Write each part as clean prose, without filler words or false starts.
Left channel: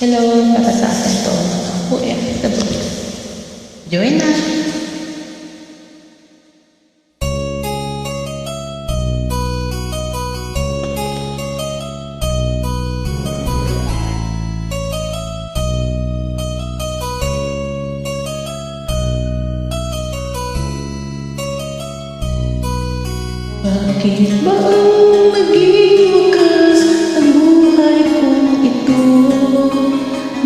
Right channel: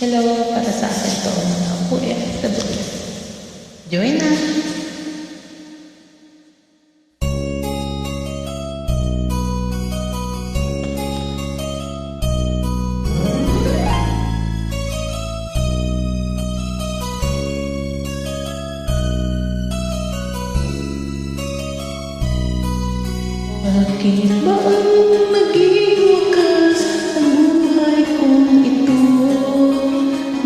Hello, para sa atin to mga OFW. Join na! Bakit ba ang naging wakas ang buhay kong ito?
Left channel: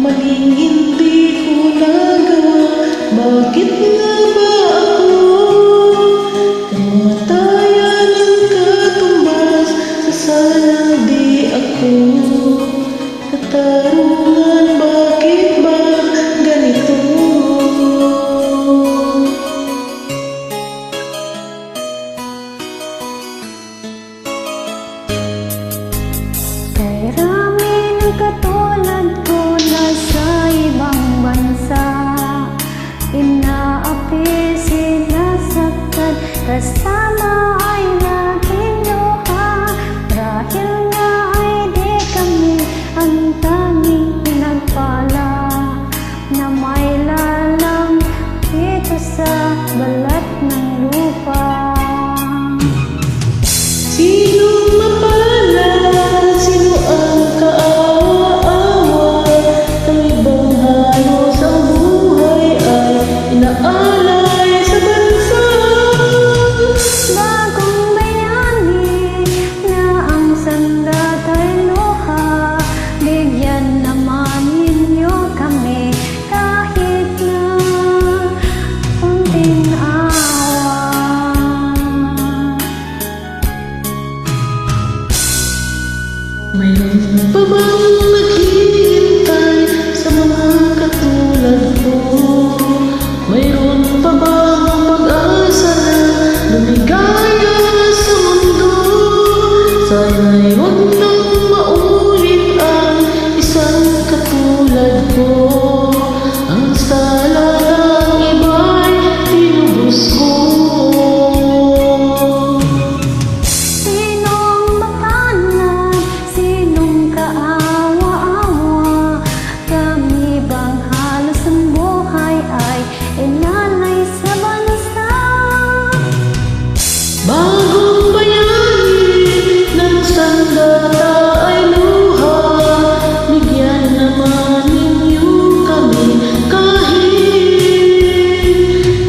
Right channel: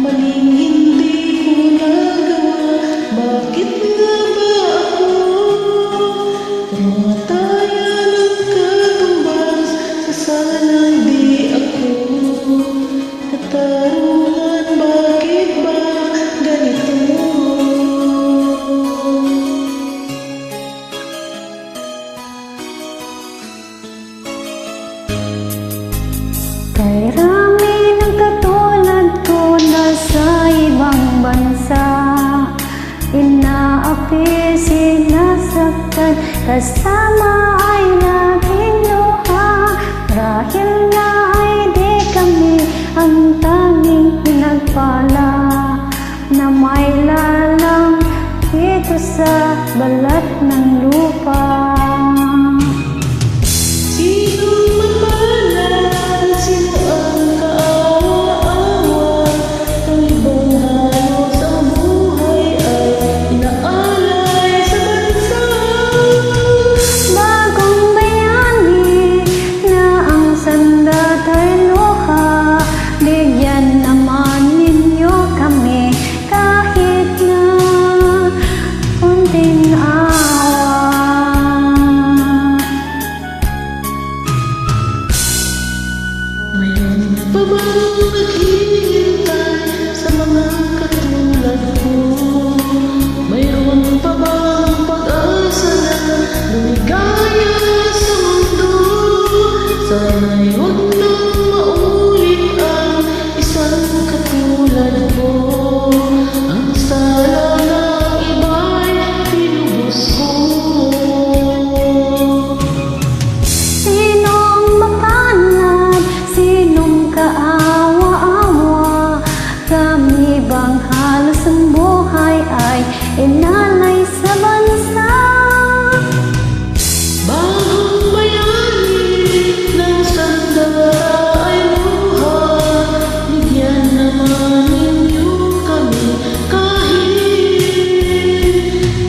Maling hindi ko nagawa, bakit nga ba ako? Kamatayan ang katumbas sa sanang di ako. Katarungan, bakit ba ganito? Kay rami ng katulad ko nasa ibang bansa, inaapi, sinasaktan, kasama ay laging luha. Marahil nga ay di kami ang tanging pinagpala na may lalang dito sa balat ng lupa. Sinong mapalad? Sino ang kaawa-awa? Kami bang halos ang buhay ay inaalay sa bansa? Bagong bayani na ang sandat ay luha, bigyan naman ninyo kami kahit na konting awa. Mayroon pa bang naghihintay sa mga katulad ko? Mayroon pa bang pag-asa na lumigaya sa mundo? Sana'y huwag nang maulit ang isang katulad ko. Ang sala ng iba'y tinubos ko. Sinong mapalad? Sinong kaawa-awa? Kami bang halos ang buhay ay inalay sa bansa? Bagong bayani ng sandata ay luha, bigyan naman ninyo kami kahit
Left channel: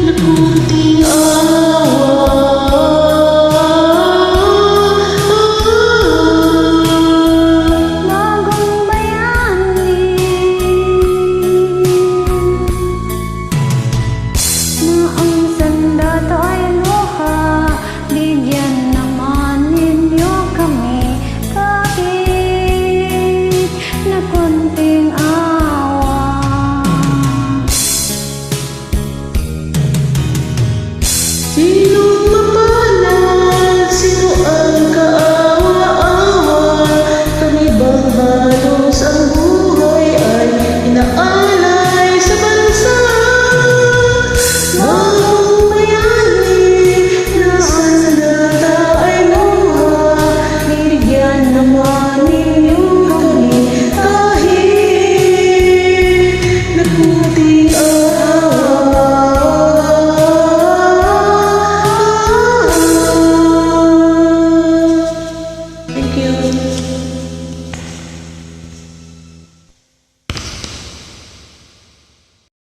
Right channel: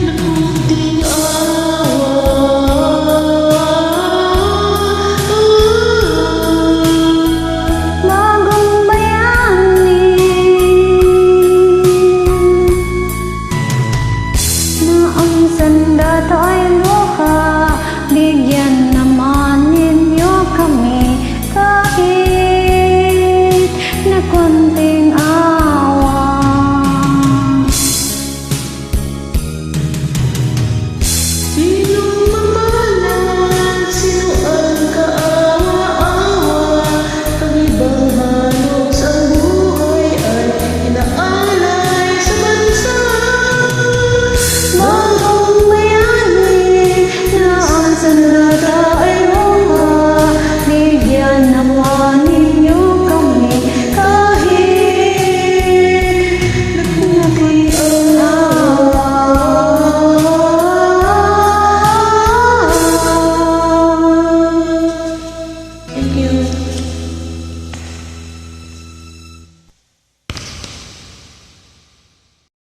na kunting awa. Bagong bayani na ang sandata ay luha, bigyan naman ninyo kami kahit na konting awa. Sinong mapalad? Sino ang kaawa-awa? Kami bang halos ang buhay ay inaalay sa bansa?